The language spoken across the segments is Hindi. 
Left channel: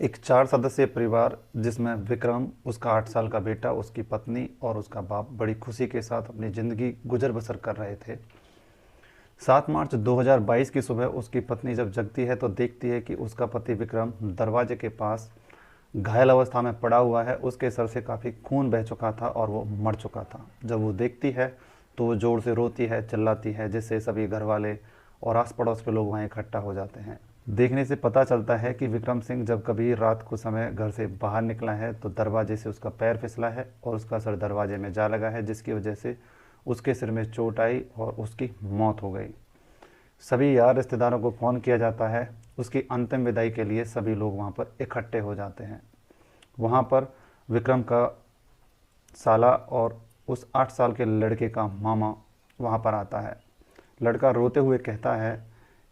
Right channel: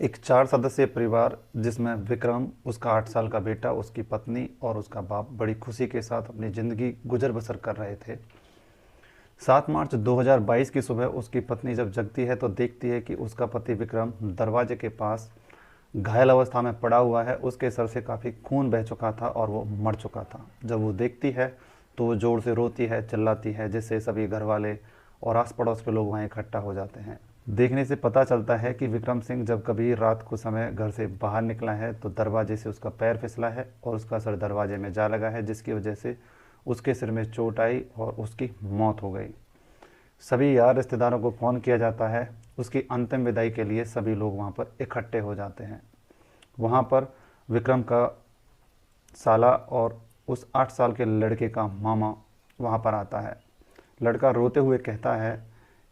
एक 4 सदस्यीय परिवार जिसमें विक्रम, उसका 8 साल का बेटा, उसकी पत्नी और उसका बाप बड़ी खुशी के साथ अपनी ज़िंदगी गुजर बसर कर रहे थे। 7 मार्च 2022 की सुबह उसकी पत्नी जब जगती है तो देखती है कि उसका पति विक्रम दरवाजे के पास घायल अवस्था में पड़ा हुआ है। उसके सर से काफ़ी खून बह चुका था और वो मर चुका था। जब वो देखती है तो वो ज़ोर से रोती है, चिल्लाती है, जिससे सभी घर वाले और आस पड़ोस के लोग वहाँ इकट्ठा हो जाते हैं। देखने से पता चलता है कि विक्रम सिंह जब कभी रात को समय घर से बाहर निकला है तो दरवाजे से उसका पैर फिसला है और उसका सर दरवाजे में जा लगा है, जिसकी वजह से उसके सिर में चोट आई और उसकी मौत हो गई। सभी यार रिश्तेदारों को फ़ोन किया जाता है। उसकी अंतिम विदाई के लिए सभी लोग वहाँ पर इकट्ठे हो जाते हैं। वहाँ पर विक्रम का साला और उस 8 साल के लड़के का मामा वहाँ पर आता है। लड़का रोते हुए कहता है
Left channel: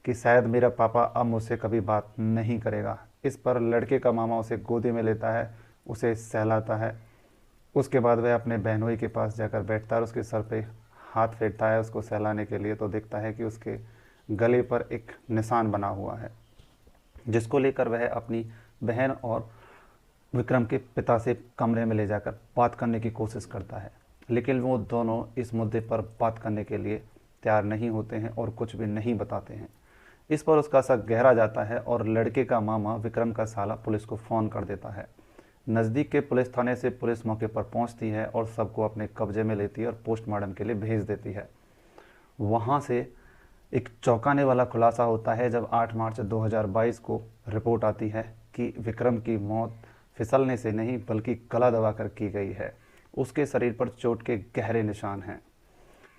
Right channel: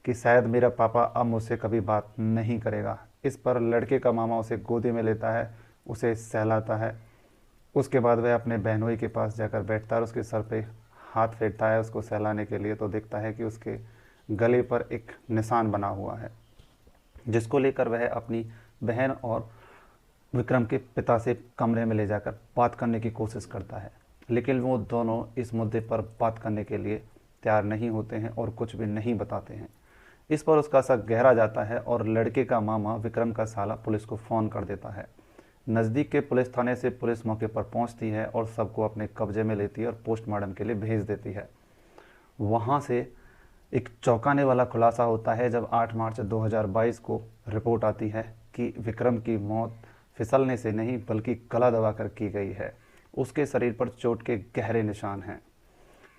कि शायद मेरा पापा अब मुझसे कभी बात नहीं करेगा। इस पर लड़के का मामा उसे गोदी में लेता है, उसे सहलाता है। उसके बाद वह अपने बहनोई के पास जाकर बैठता है और उसके सर पे हाथ फेरता है उसको सहलाने के लिए, तो देखता है कि उसके गले पर एक निशान बना हुआ है, जिसको लेकर वह अपनी बहन और विक्रम के पिता से कमरे में ले जाकर बात करने की कोशिश करता है। लेकिन वो दोनों इस मुद्दे पर बात करने के लिए तैयार नहीं होते हैं और कुछ भी नहीं बताते हैं। इस पर उसका शक गहरा जाता है और लड़के का मामा विक्रम का साला पुलिस को फ़ोन कर देता है। नज़दीक के पुलिस थाने से पुलिस मौके पर पहुंचती है और सबको अपने कब्जे में लेती है और पोस्टमार्टम के लिए भेज देती है। वहां से एक चौंकाने वाला खुलासा होता है जब 8 मार्च 2022 को रिपोर्ट आती है कि विक्रम की मौत फिसलने से नहीं बल्कि गला दबाकर की गई है। उसके शरीर पर चोट के गहरे निशान हैं।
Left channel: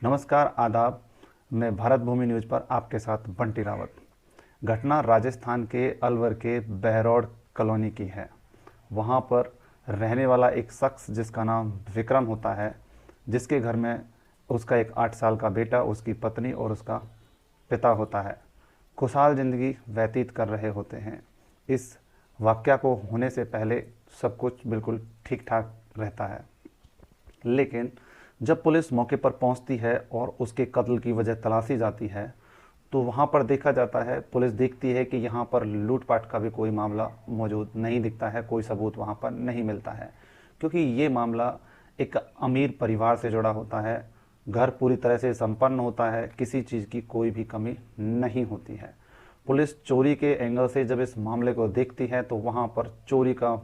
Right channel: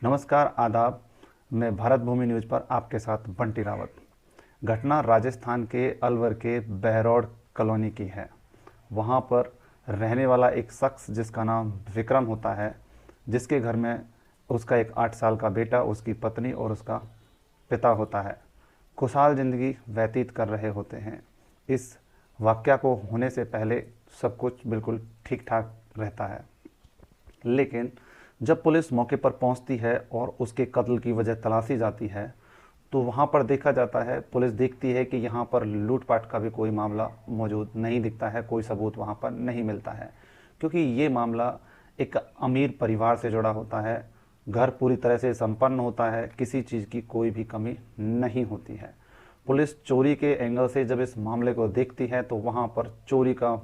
नमस्कार, आदाब। मैं भारत भूमि न्यूज़ पर आपके साथ बंटी रावत। घटना राजस्थान के अलवर के बहरौड़ कॉलोनी की है। वहाँ पर रहने वाला एक शख्स जिसका नाम विक्रम होता है, जिसके घर में उसका एक 8 साल का बेटा, उसकी पत्नी और उसका पिता होता है, खुशहाल ज़िंदगी व्यतीत कर रहे होते हैं। इस वाक़या को होने से पहले सब कुछ बिल्कुल ठीक ठाक रहता है। लेकिन जब पुलिस मौके पर पहुंचती है और उसके कत्ल की वजह तलाशी जाती है तो वहां पर देखा जाता है, पुलिस देखती है कि यहाँ पर लूटपाट का भी कोई मामला मौजूद नहीं दिखता है, कोई सबूत वहाँ पर नहीं मिलता है, क्योंकि ये मामला एक अमीर परिवार से जुड़ा होता है। घर पूरी तरह से संपन्न होता है, किसी चीज़ की कोई भी कमी नहीं होती है। पुलिस चोरी के एंगल से जब इस मामले को देखती है तो वहाँ पर चोरी का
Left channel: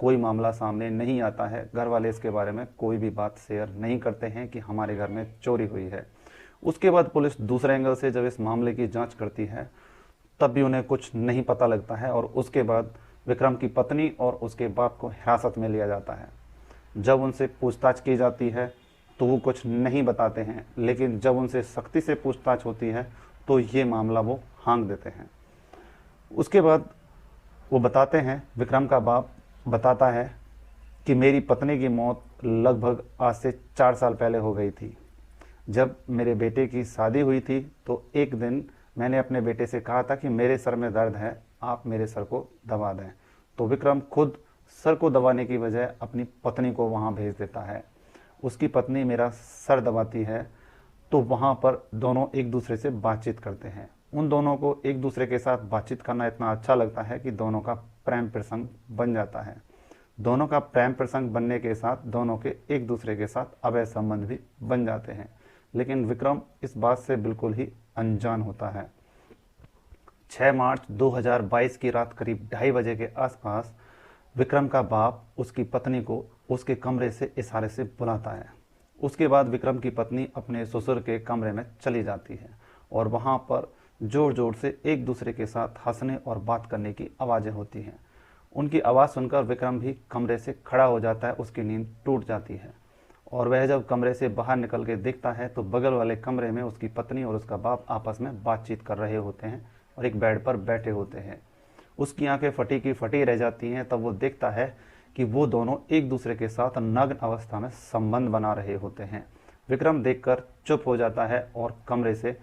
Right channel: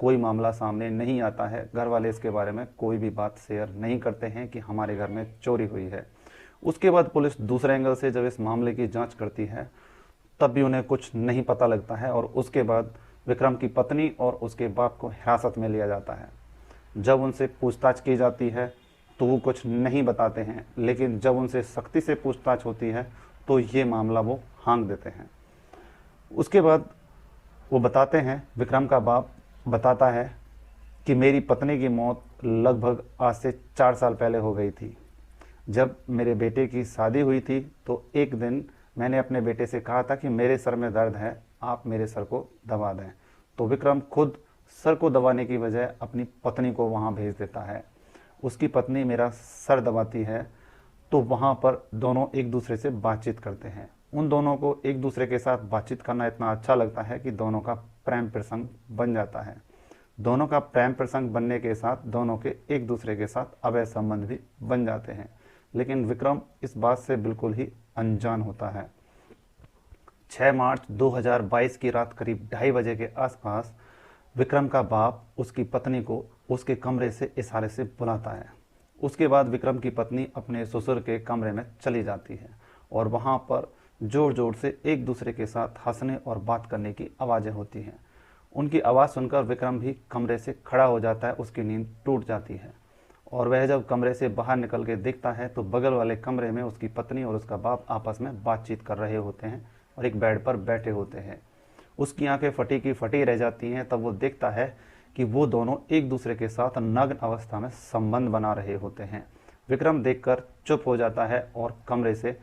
कोई मामला सामने नहीं आता है। घर वाले इसके बारे में कोई भी बात शेयर नहीं करते हैं कि हमारे घर में चोरी हुई है। उसके बाद पुलिस दूसरे एंगल से जब इस मामले की जांच करती है तब भी उन्हें कुछ नहीं पता लगता है और उसके बाद विक्रम की पत्नी और उसके बाप को हिरासत में लिया जाता है। जब उनसे पूछताछ की जाती है तो वो कुछ नहीं बताते हैं, लेकिन जब उनसे सख्ती से पूछताछ होती है तो ये मामला वो हाँक देते हैं। उसके बाद वो बताते हैं, विक्रम का बाप बताता है कि मेरी पत्नी की मौत लगभग आज से 4 साल पहले हो गई थी। जब मेरे बेटे की शादी हुई थी तो एक दिन मैंने अपने बेटे से कहा था कि मेरे सर में दर्द है, आप मेरे सर को दबा दें। तो विक्रम खुद सर को दबाने की बजाय अपनी पत्नी को वहाँ भेज देता है। उसकी पत्नी मेरा सर दबाती है तो वहाँ पर दोनों एक दूसरे से बातचीत करते हैं। उन दोनों को एक दूसरे के साथ बातचीत करना इतना अच्छा लगता है कि दोनों का प्रेम प्रसंग बन जाता है। दोनों का प्रेम प्रसंग बनने के साथ दोनों के एक दूसरे के साथ अवैध संबंध भी बन जाते हैं। लेकिन विक्रम इस बात से बिल्कुल ही अनजान होता है। 6 मार्च 2022 की रात करीब 2:30 बजे के आसपास विक्रम का बाप उसकी पत्नी को उसके कमरे से इशारे से बुलाता है। उसके बाद विक्रम की पत्नी अपने ससुर के कमरे में चली जाती है और वहां पर जोर जोर से एक दूसरे के साथ हंसने और बात करने की आवाजें होती हैं। उनकी आवाज़ सुनकर विक्रम भी कमरे से खड़ा हो जाता है, उसकी नींद टूट जाती है और वह जब कमरे से बाहर निकल के देखता है तो बगल वाले कमरे में उसकी पत्नी और उसका बाप आपस में बातचीत कर रहे होते हैं और एक बेड पर बैठे होते हैं। उसकी आंखें फटी की फटी रह जाती हैं। तब वो देखता है कि वो दोनों एक दूसरे के साथ नग्न अवस्था में संबंध बना रहे होते हैं। विक्रम देखकर चुप हो जाता है और कमरे से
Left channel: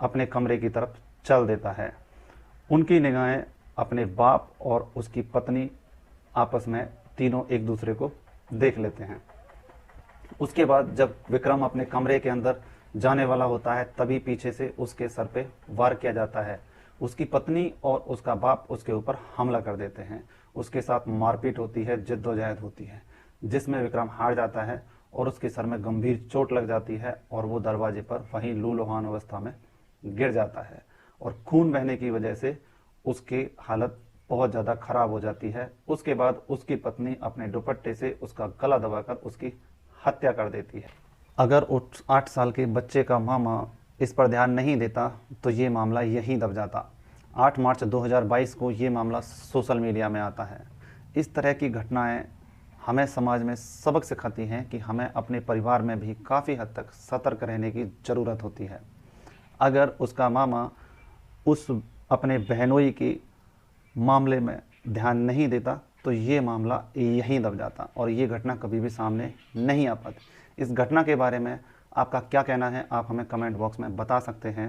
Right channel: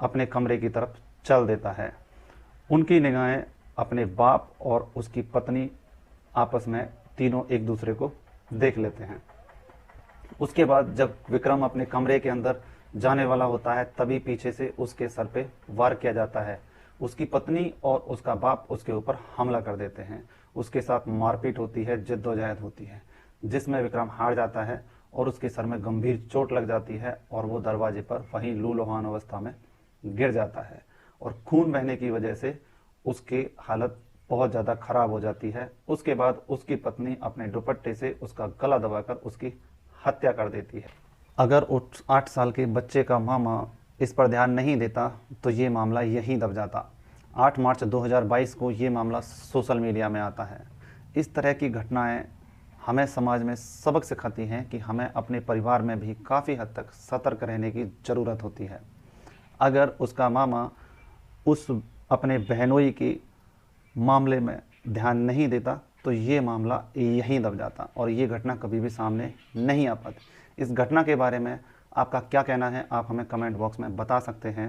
अपने कमरे की तरफ चल देता है। उनकी निगाहें अपने बाप और उसकी पत्नी आपस में तीनों एक दूसरे को देख लेते हैं। उसके बाद जब विक्रम अपने कमरे के अंदर जाने वाला होता है तभी पीछे से उसके सर पे वार किया जाता है। उसकी पत्नी और उसका बाप उसके ऊपर हमला कर देते हैं। उसके साथ मारपीट होती है, जद्दोजहद होती है, जिसमें विक्रम हार जाता है और उसके सर में गंभीर चोट लग जाती है और वो दरवाजे पर वहीं लूलुहान अवस्था में गिर जाता है और खून बहने की वजह से उसकी हालत बहुत ज़्यादा खराब हो जाती है। उसके बाद उसकी पत्नी अपने दुपट्टे से उसका गला दबाकर उसकी हत्या कर देती है। अगर उस 8 साल के बच्चे का मामा इस पर ध्यान नहीं देता तो ये मामला यहीं दब जाता। 8 मार्च 2022 को ये मामला सोशल मीडिया में आता है। इस तरह की घटनाएं हमें समाज में सबक सिखाती हैं कि हमें अपने परिवार में भी काफ़ी हद तक सतर्क रहने की ज़रूरत होती है। अगर उसका मामा उस अपने बहनोई के मामले में ध्यान नहीं देता तो ये मामला यहीं दब जाता और ये घटना कभी भी सामने नहीं आ पाती। इस घटना के बारे में आपका क्या कहना है, आप हमें कमेंट बॉक्स में बता सकते हैं।